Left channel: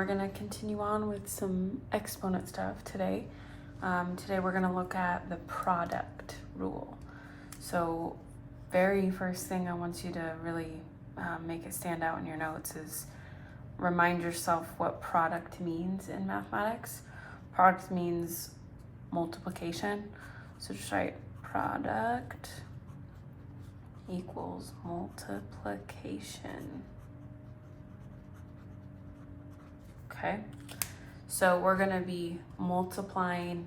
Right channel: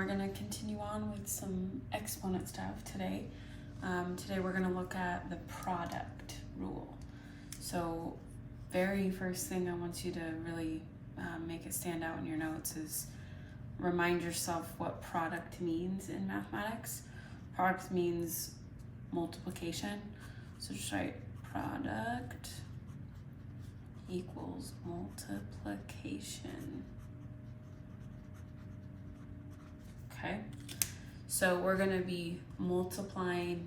we're going to continue on with some exponent stuff today. Today we're going to look at the product rule. So very first thing I want you to really make it stand out in your notes is remind yourself what product means in mathematics. Product means multiplication. So just write product equals multiplication. Okay, so we're going to be multiplying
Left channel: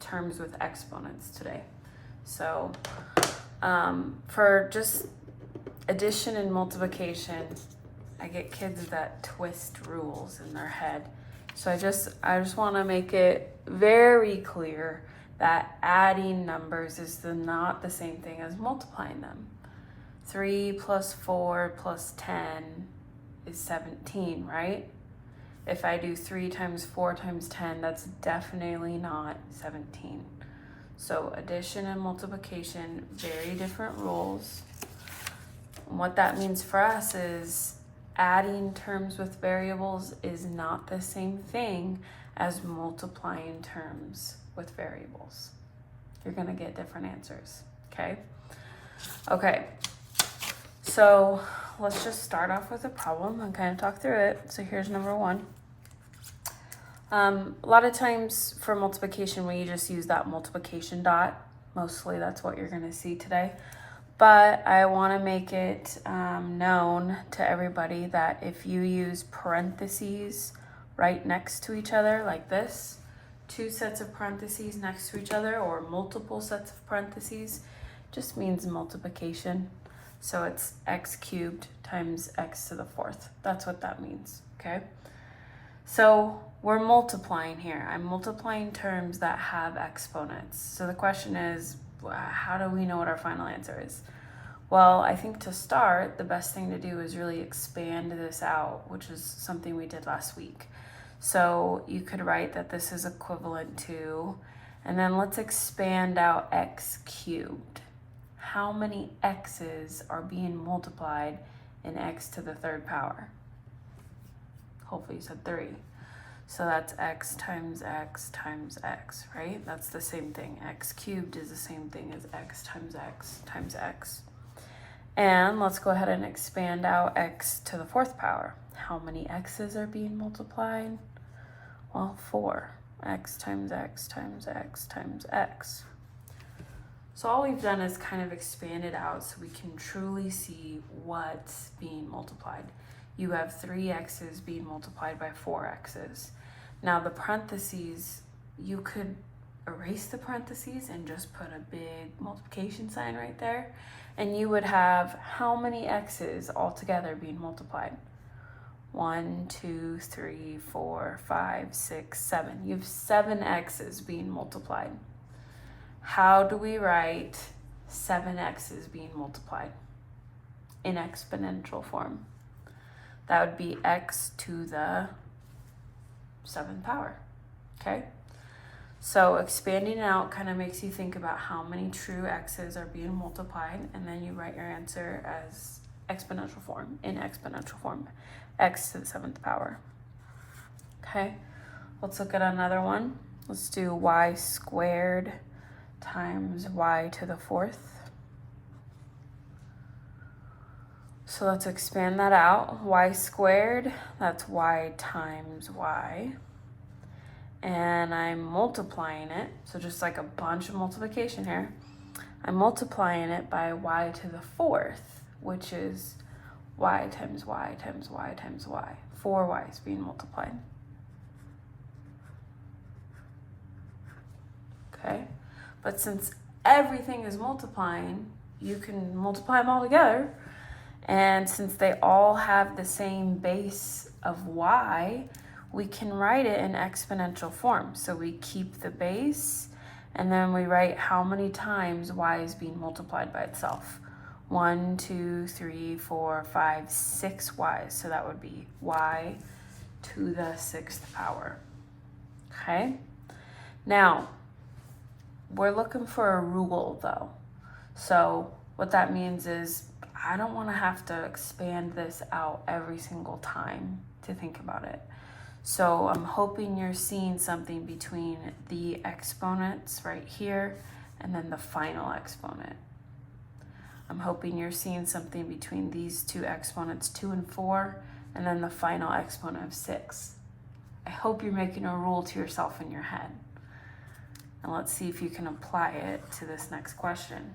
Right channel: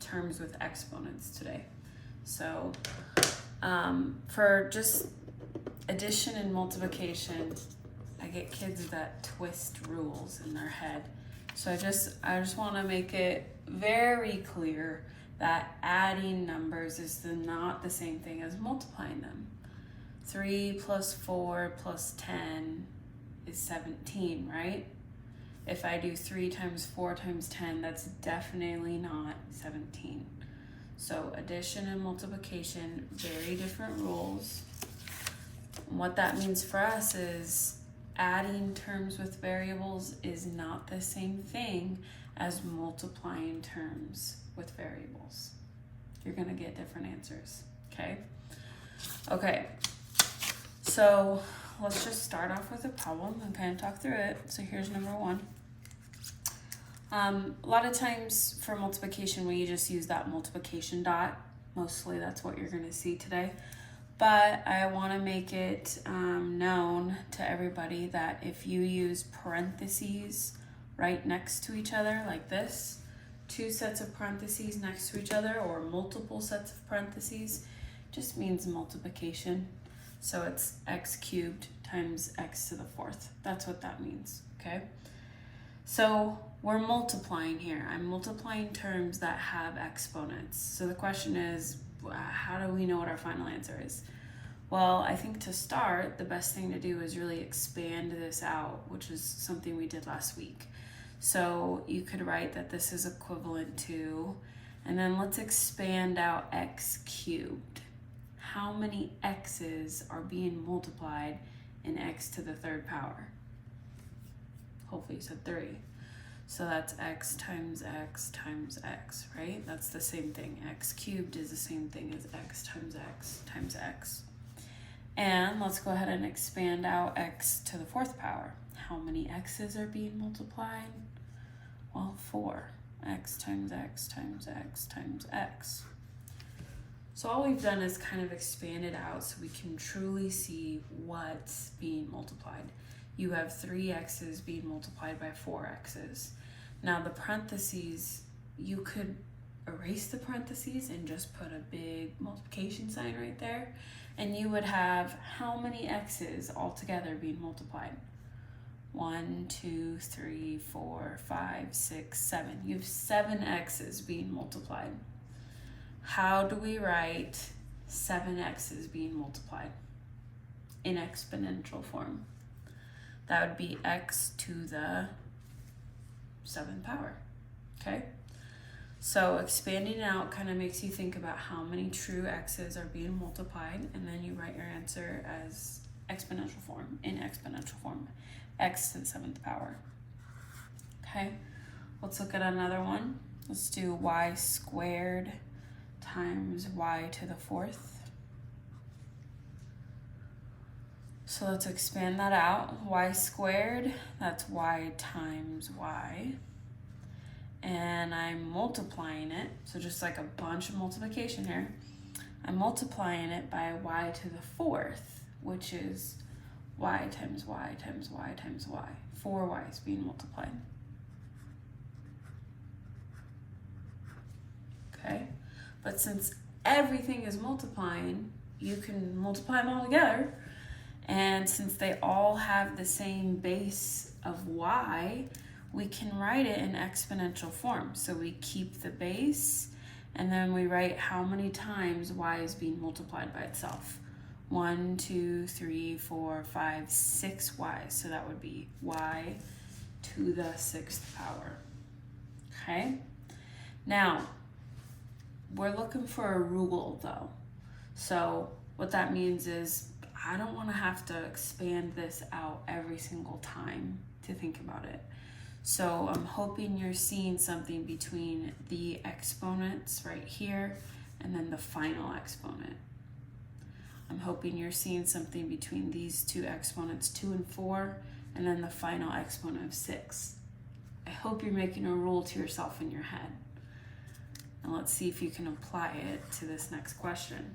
terms with exponents today. So for just addition and multiplication, I get kids that twist rules in their head. So I just want to make it very clear that adding numbers is not the same thing as multiplying them. 3 plus 4 plus 10 is 17, right? If I do 3 times 4 times 10, that's definitely not 17. So addition and multiplication, very different rules. And what that means for us is adding terms with variables is not the same thing as multiplying terms with variables. You're gonna get different answers, okay? Okay, so let's just start off with a problem and kind of talk through it. So here's number 1. A lot of times for multiplication, we just use that multiplication dot. Mostly that's what you're gonna see today. But I wanna make it known to everybody that if you use parentheses right next to each other like this, 2 sets of parentheses next to each other or multiple sets of parentheses, just means multiplication. So it's x cubed times x to the 4th. That's what that means, okay? So we're multiplying here. I'm multiplying terms that have exponents. So the question is, how do we know what our final answer is? Well, I think to start, the best thing to do is really expand this out, which is something we did last week. So you could write that this is equivalent to, and then let's expand out x cubed. How many x's are being multiplied in x to the 3rd power? Hopefully you said 3. So that's x times x times x, right? That's the same thing. X cubed is the same thing as x times x. And let's go ahead and expand out x to the 4th power. How many x's are being multiplied? Well, 4. X times x times x times x. So all we've done is kind of expand it out so we can truly see what's being multiplied. You have 3 x's being multiplied by 4 x's. Now the parentheses, you could erase the parentheses and just put a big multiplication sign right there, and you would have how many x's altogether being multiplied? 1, 2, 3, 4, 5, 6, 7. You have 7 x's being multiplied. How do we write 7 x's being multiplied in exponential form? That would be x to the 7th power, okay? So expanding out kind of makes you think about how many true x's are being multiplied, and then you write your answer as exponential form, in exponential form, x to the 7th power, okay? Let's look at another one. Let's do y squared times y to the 4th. So let's expand that out. Y squared, that's y times y. And I'm multiplying it, so just like a bunch of multiplication here. I'm multiplying it by y to the 4th, which is y times y times y times y. 4 y's being multiplied. Okay, but since everything is multiplying, you can multiply them all together. And since they all have the same base of y, we can write it in exponential form. So we keep the base, and then we write how many times y is being multiplied by itself. 1, 2, 3, 4, 5, 6 y's. So that would be y to the 6th power. Okay? Now, we're looking for a rule though. So what that means is I don't want to have to expand this out every single time to think about it. So I'm hoping you're seeing something between the exponents right here and then the final exponent. I'm hoping you're seeing something between these two exponents, 2 and 4, and then the final exponent of 6. I hope you're making a rule to yourself in your head. And let's see if you can apply it to this next question.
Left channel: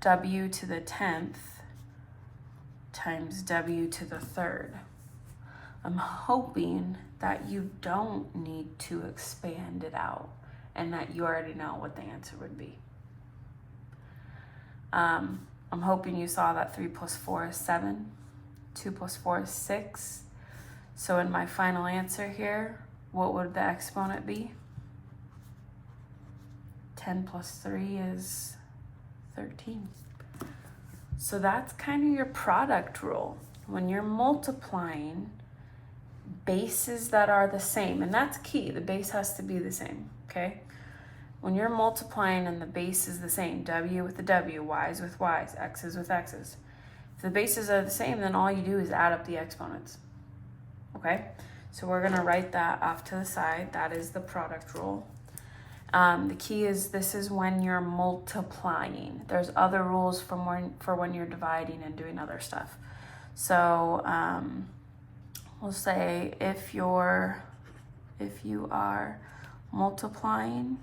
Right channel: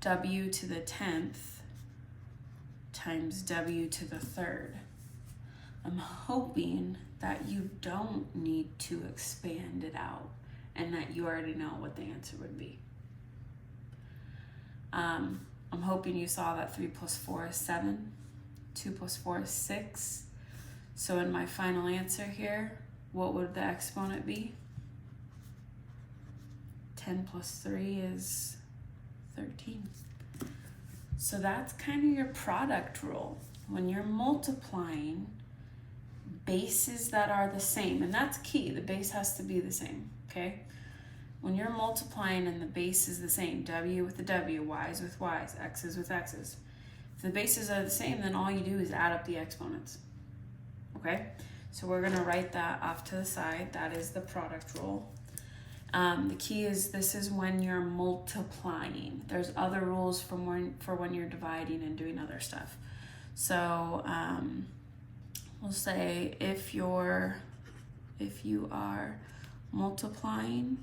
W to the 10th times W to the 3rd. I'm hoping that you don't need to expand it out and that you already know what the answer would be. I'm hoping you saw that 3 plus 4 is 7, 2 plus 4 is 6. So in my final answer here, what would the exponent be? 10 plus 3 is 13. So that's kind of your product rule. When you're multiplying bases that are the same, and that's key, the base has to be the same, okay? When you're multiplying and the base is the same, W with the W, Y's with Y's, X's with X's. If the bases are the same, then all you do is add up the exponents, okay? So we're gonna write that off to the side. That is the product rule. The key is this is when you're multiplying. There's other rules for when you're dividing and doing other stuff. So we'll say if you are multiplying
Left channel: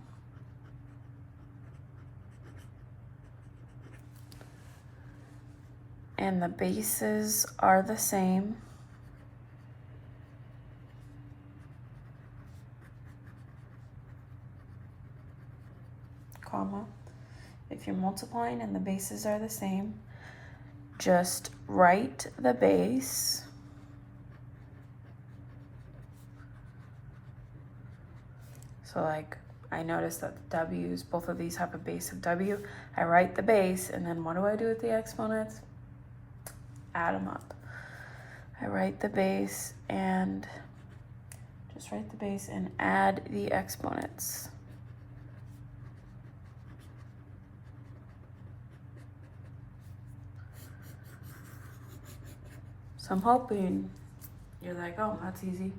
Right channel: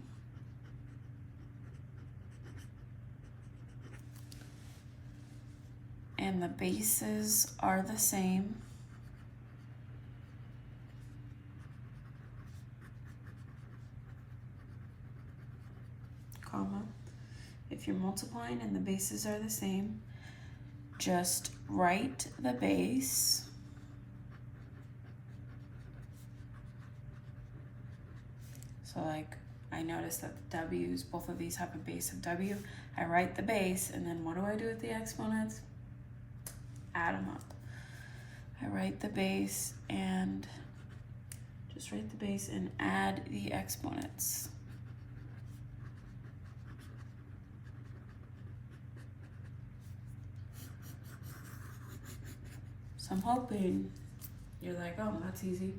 and the bases are the same, comma, if you're multiplying and the bases are the same, just write the base so like I noticed that the W's, both of these have a base of W. I write the base and then what do I do with the exponents? Add them up. I write the base and just write the base and add the exponents. So I'm hoping you're like, oh, that's easy.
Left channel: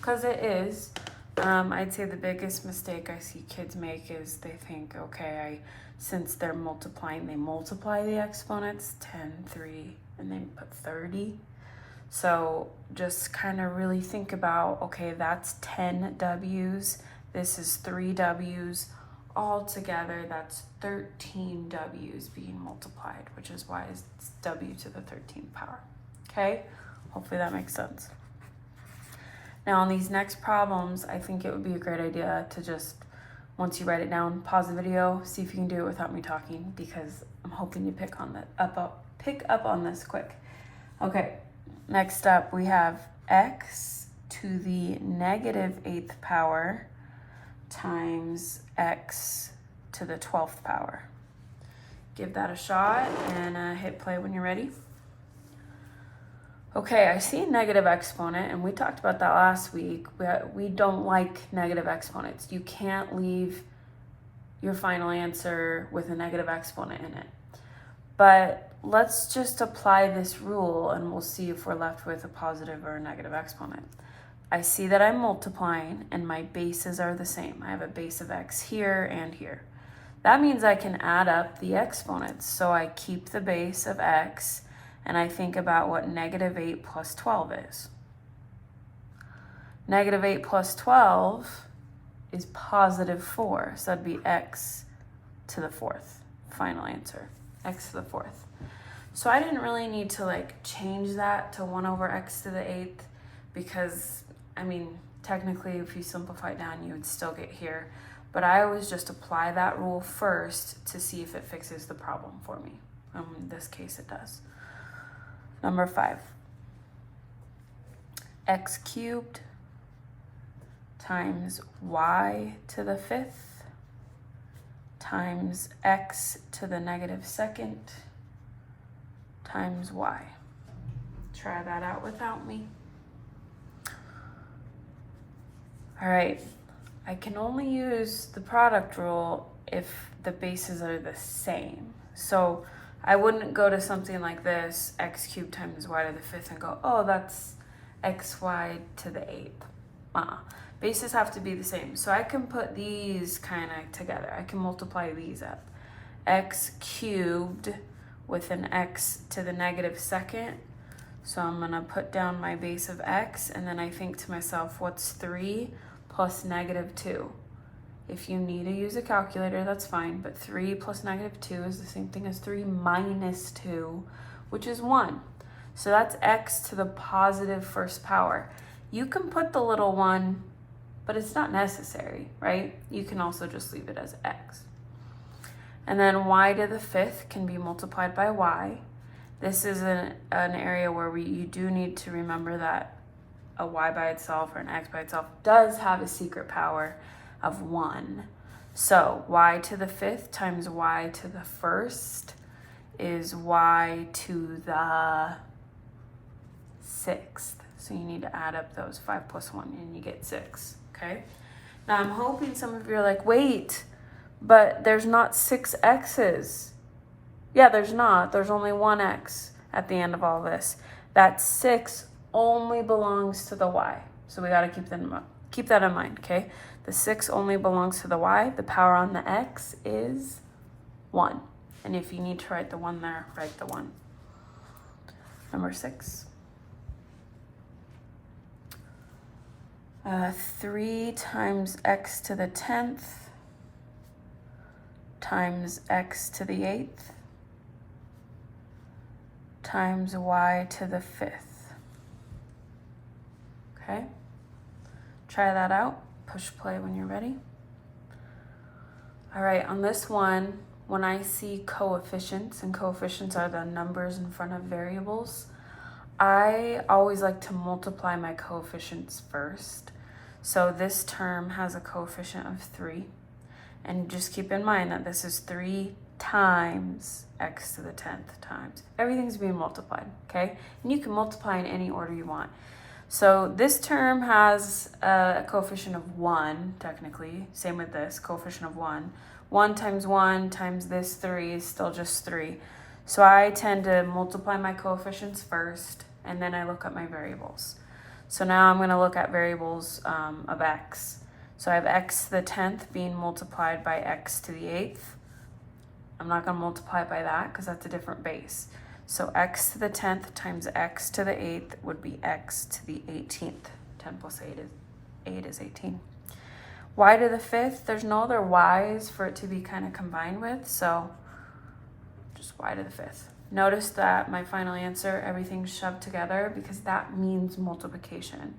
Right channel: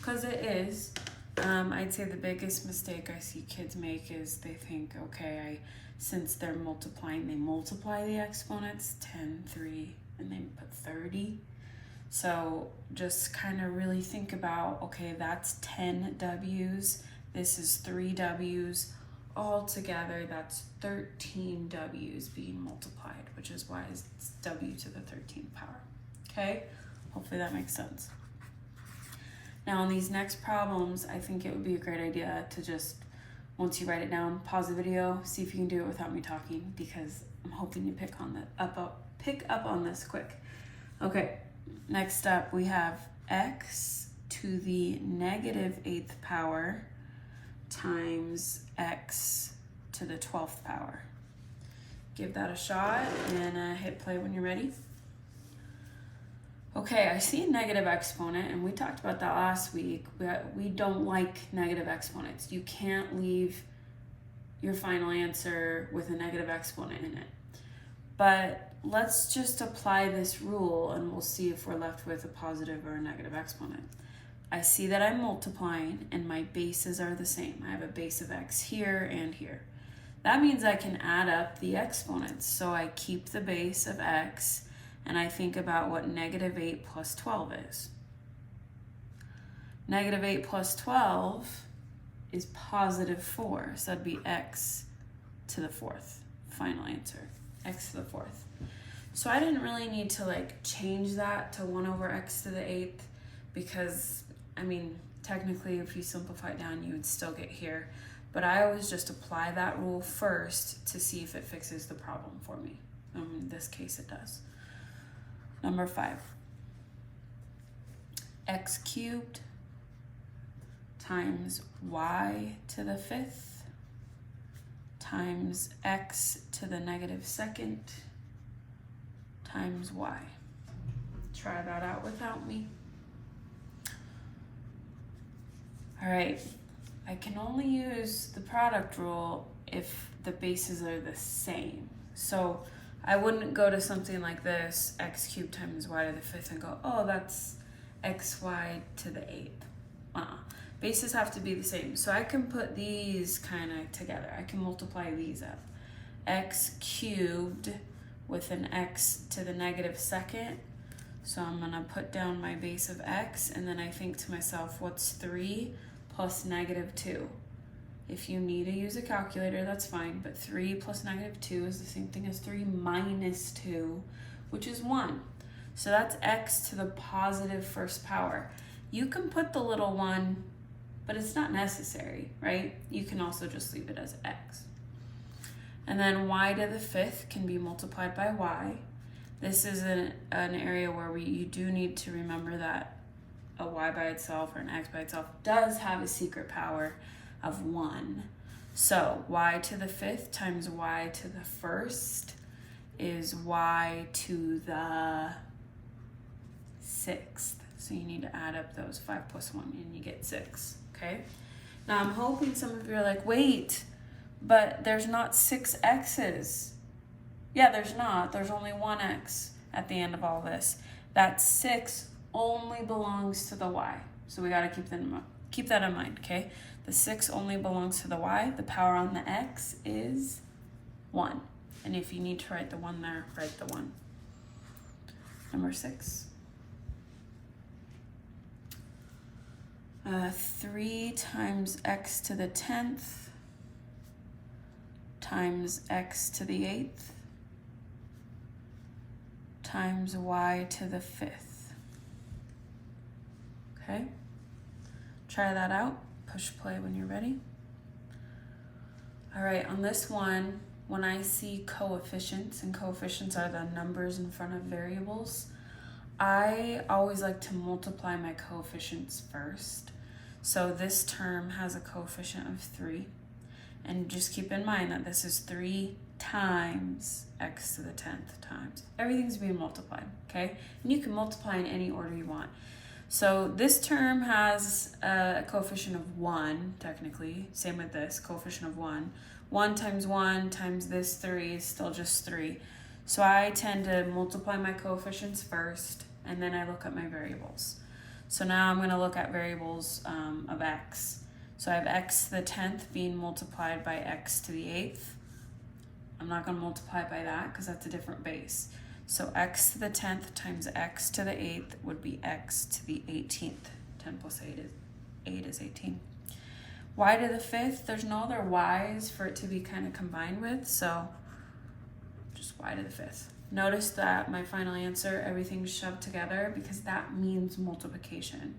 Because it is. I'd say the biggest mistake I see kids make is they think, okay, since they're multiplying, they multiply the exponents, 10, 3, and then put 30. So just kind of really think about, okay, that's 10 W's, this is 3 W's, all together that's 13 W's being multiplied, which is why it's W to the 13th power, okay? Hopefully that makes sense. Now on these next problems, I think it would be a great idea to just, once you write it down, pause the video, see if you can do it without me talking, because I'm hoping you pick up on this quick. Okay, next up we have x to the negative 8th power times x to the 12th power. Give that a shot and hit play when you're ready. Okay, I see a negative exponent, and we talked about that last week. We don't like negative exponents. You can't leave your final answer with a negative exponent in it. But let's just apply this rule, and we'll see if we're left with a positive or a negative exponent. I see that I'm multiplying, and my bases are the same. I have a base of x here and here. That means I can add up the exponents. So I keep the base of x, and I think about what negative 8 plus 12 is. Negative 8 plus 12 is positive 4, so that'd be x to the 4th, final answer, x to the 4th. So I didn't really need to like change that to 1 over x to the 8th because, I mean, technically if you simplify it down, you would still get here. But I always just apply that rule first to see if it fixes the problem for me. In this case, it does. Number 5, x cubed times y to the 5th times x to the negative 2nd times y. Try that out without me. All right, I can only use the product rule if the bases are the same. So I wouldn't go to something like this, x cubed times y to the 5th, and go, oh, that's xy to the 8th. Bases have to be the same. So I can put these kind of together. I can multiply these up. X cubed with an x to the negative 2nd. So I'm going to put down my base of x, and then I think to myself, what's 3 plus negative 2? If you need to use a calculator, that's fine, but 3 plus negative 2 is the same thing as 3 minus 2, which is 1. So that's x to the positive first power. You can put the little 1, but it's not necessary, right? You can also just leave it as x. And then y to the 5th can be multiplied by y. This is an area where you do need to remember that a y by itself or an x by itself does have a secret power of 1. So y to the 5th times y to the 1st is y to the 6th. So you need to add up those 5 plus 1 and you get 6, okay? Now I'm hoping some of you are like, wait, but there's not 6 x's. Yeah, there's not. There's only 1 x at the end of all this. That 6 only belongs to the y. So we got to keep that in mind, okay? The 6 only belongs to the y. The power on the x is 1. And if you need to write the 1 there, write the 1. Number 6. 3 times x to the 10th times x to the 8th times y to the 5th. Okay? Try that out. Push play when you're ready. All right, on this one, when I see coefficients, and coefficients are the numbers in front of variables, I always like to multiply my coefficients first. So this term has a coefficient of 3. And just keep in mind that this is 3 times x to the 10th times. Everything's being multiplied, okay? And you can multiply in any order you want. So this term has a coefficient of 1, technically. Same with this, coefficient of 1. 1 times this 3 is still just 3. So I tend to multiply my coefficients first, and then I look at my variables. So now I'm going to look at variables of x. So I have x to the 10th being multiplied by x to the 8th. I'm not going to multiply by that because that's a different base. So x to the 10th times x to the 8th would be x to the 18th. 10 plus 8 is 18. Y to the 5th, there's no other y's for it to be kind of combined with, so just y to the 5th. Notice that my final answer, everything's shoved together because that means multiplication.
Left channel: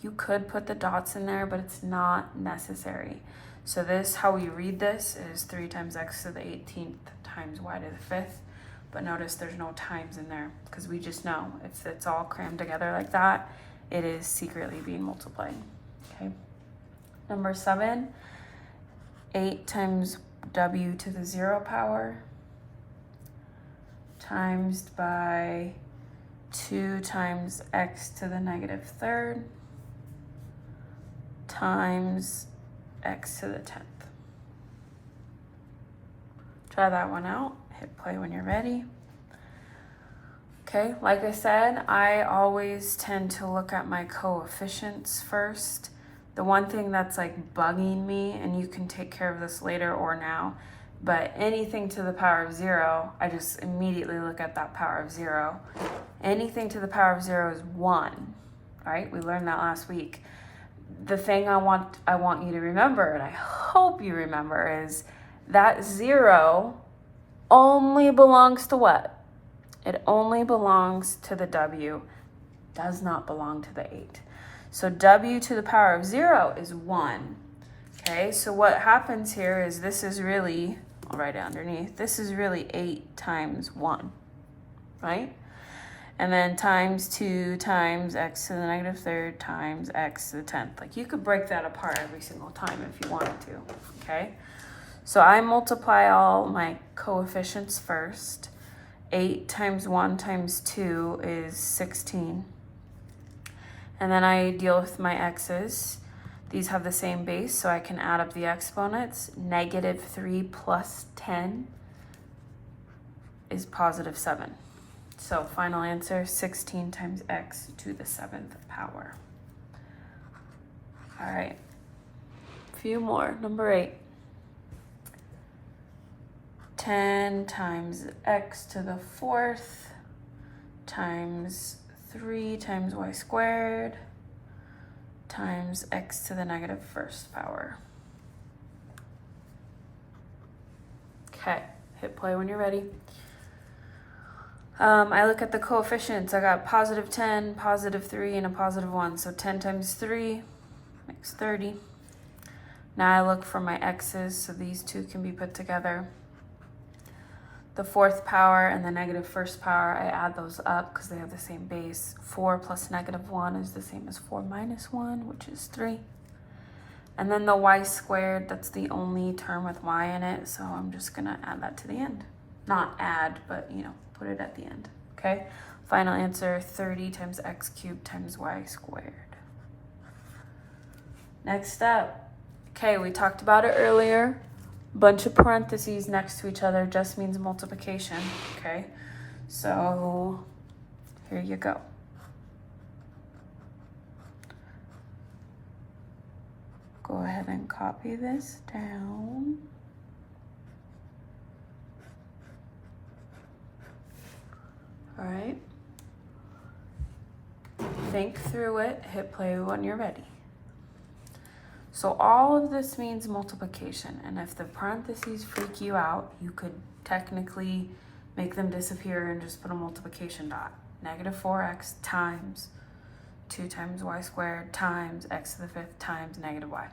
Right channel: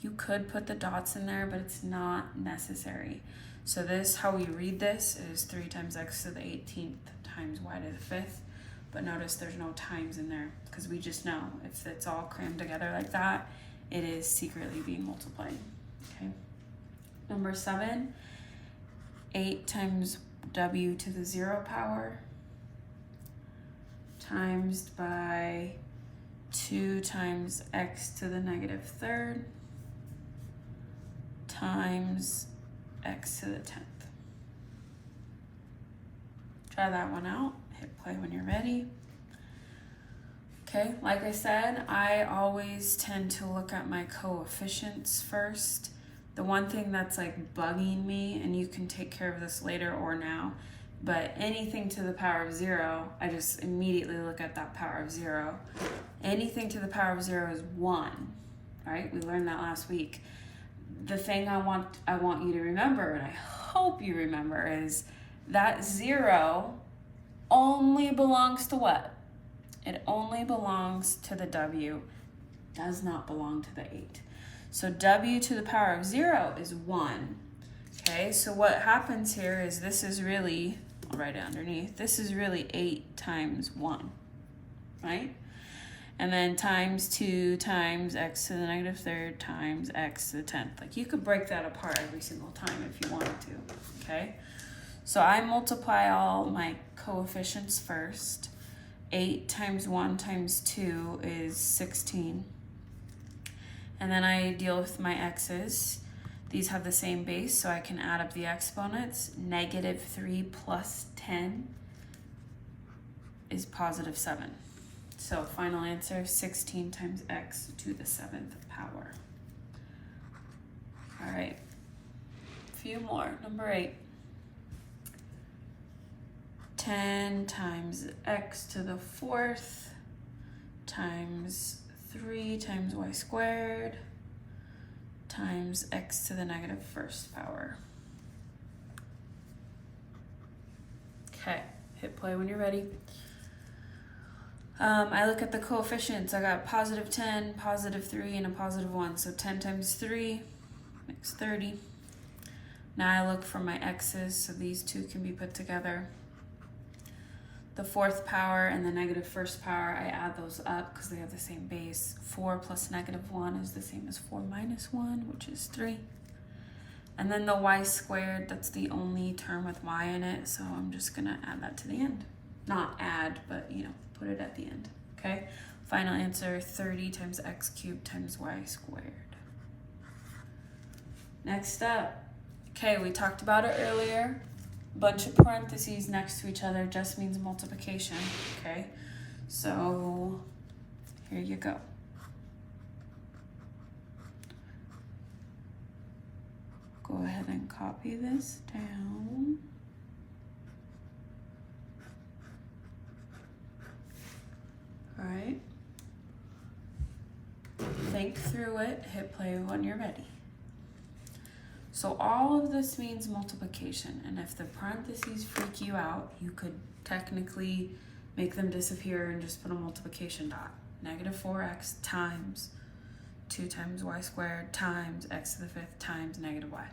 You could put the dots in there, but it's not necessary. So this, how we read this is 3 times x to the 18th times y to the 5th. But notice there's no times in there because we just know if it's all crammed together like that, it is secretly being multiplied, okay? Number 7, 8 times w to the 0 power times by 2 times x to the negative 3rd times x to the 10th. Try that one out. Hit play when you're ready. Okay, like I said, I always tend to look at my coefficients first. The one thing that's like bugging me, and you can take care of this later or now, but anything to the power of 0, I just immediately look at that power of 0. Anything to the power of 0 is 1, right? We learned that last week. The thing I want you to remember, and I hope you remember, is that 0 only belongs to what? It only belongs to the w, does not belong to the 8. So w to the power of 0 is 1. Okay, so what happens here is this is really, I'll write it underneath, this is really 8 times 1, right? And then times 2 times x to the negative 3rd times x to the 10th. Like you could break that apart every single time if you wanted to, okay? So I multiply all my coefficients first. 8 times 1 times 2 is 16. And then I deal with my x's. These have the same base, so I can add up the exponents. Negative 3 plus 10 is positive 7. So final answer, 16 times x to the 7th power. All right, a few more. Number 8. 10 times x to the 4th times 3 times y squared times x to the negative 1st power. Okay, hit play when you're ready. I look at the coefficients. I got positive 10, positive 3, and a positive 1. So 10 times 3 makes 30. Now I look for my x's, so these two can be put together. The 4th power and the negative 1st power, I add those up because they have the same base. 4 plus negative 1 is the same as 4 minus 1, which is 3. And then the y squared, that's the only term with y in it, so I'm just going to add that to the end. Not add, but, put it at the end, okay? Final answer, 30 times x cubed times y squared. Next up, okay, we talked about it earlier. Bunch of parentheses next to each other just means multiplication, okay? So here you go. Go ahead and copy this down. All right. Think through it, hit play when you're ready. So all of this means multiplication, and if the parentheses freak you out, you could technically make them disappear and just put a multiplication dot. Negative 4x times 2 times y squared times x to the 5th times negative y.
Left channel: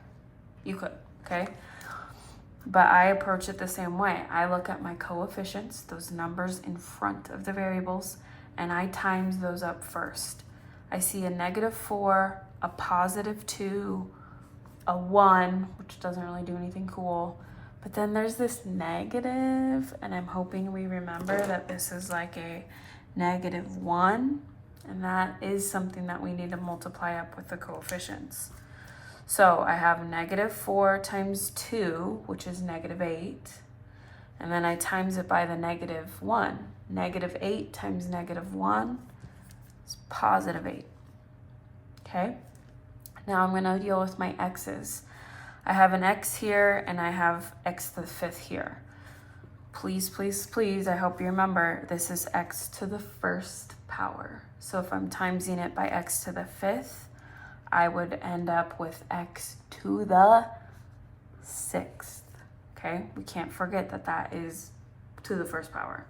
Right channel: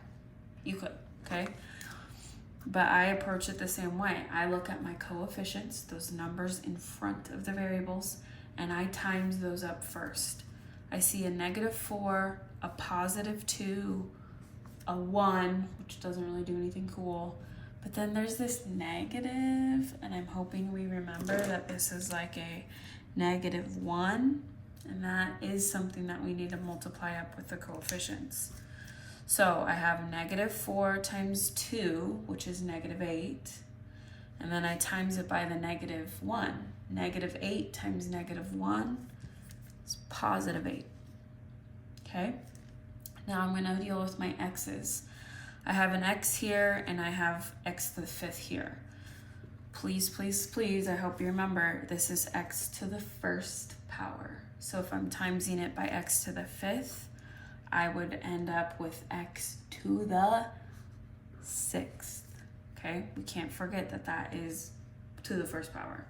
You could, okay? But I approach it the same way. I look at my coefficients, those numbers in front of the variables, and I times those up first. I see a negative 4, a positive 2, a 1, which doesn't really do anything cool. But then there's this negative, and I'm hoping we remember that this is like a negative 1, and that is something that we need to multiply up with the coefficients. So I have negative 4 times 2, which is negative 8, and then I times it by the negative 1. Negative 8 times negative 1 is positive 8, okay? Now I'm going to deal with my x's. I have an x here, and I have x to the 5th here. Please, please, please, I hope you remember, this is x to the 1st power. So if I'm timesing it by x to the 5th, I would end up with x to the 6th, okay? We can't forget that that is to the 1st power.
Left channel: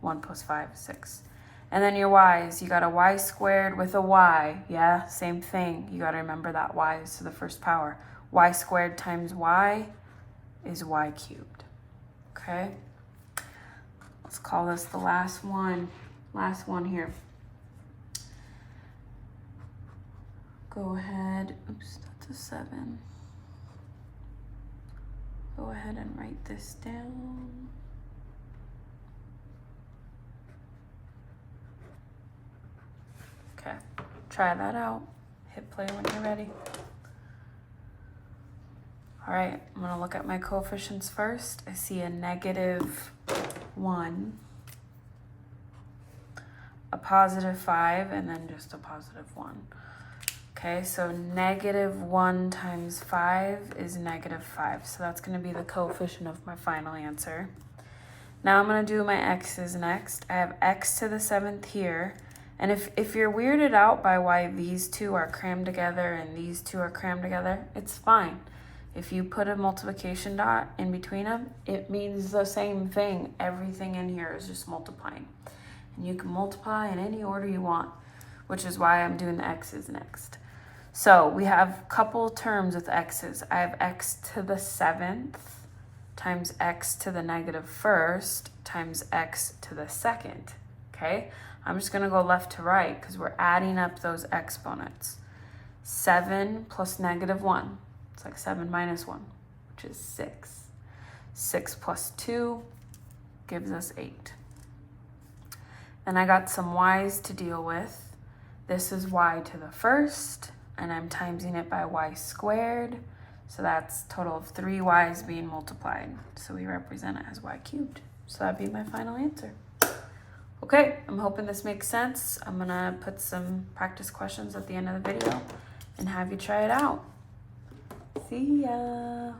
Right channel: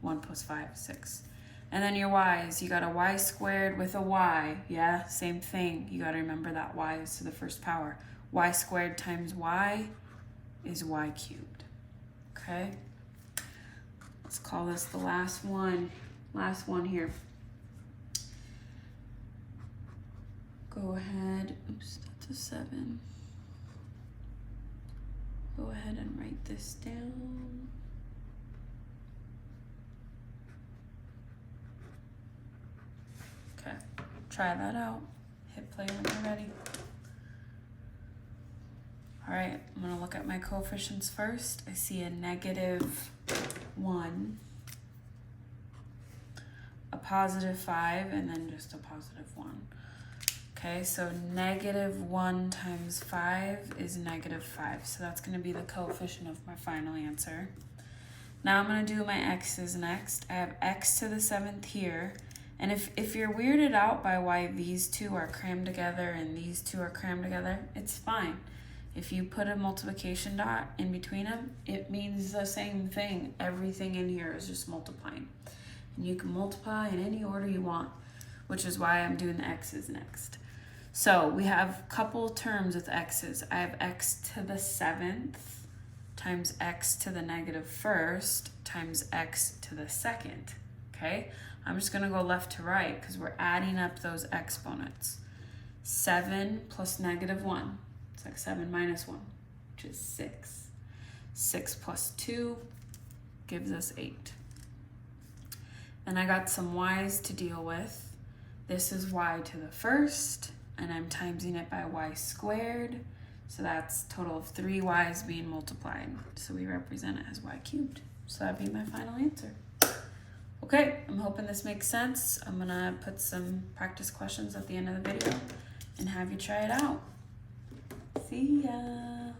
1 plus 5, 6. And then your y's, you got a y squared with a y. Yeah, same thing. You got to remember that y is to the 1st power. Y squared times y is y cubed. Okay? Let's call this the last one. Last one here. Go ahead. Oops, that's a 7. Go ahead and write this down. Okay, try that out. Hit play when you're ready. All right, I'm gonna look at my coefficients first. I see a negative 1, a positive 5, and then just a positive 1. Okay, so negative 1 times 5 is negative 5. So that's gonna be the coefficient of my final answer. Now I'm gonna do my x's next. I have x to the 7th here. And if you're weirded out by why these two are crammed together and these two are crammed together, it's fine. If you put a multiplication dot in between them, it means the same thing. Everything in here is just multiplying. And you can multiply in any order you want, which is why I'm doing the x's next. So we have a couple terms with x's. I have x to the 7th times x to the negative 1st times x to the 2nd, okay? I'm just gonna go left to right because we're adding up those exponents. 7 plus negative 1, it's like 7 minus 1, which is 6. 6 plus 2 gives us 8. Then I got some y's to deal with. This is y to the 1st, and I'm timesing it by y squared. So that's a total of 3 y's being multiplied. So we represent it as y cubed. So that'd be my final answer. Okay, I'm hoping this makes sense. I'm gonna put some practice questions at the end of the video and have you try it out. See ya.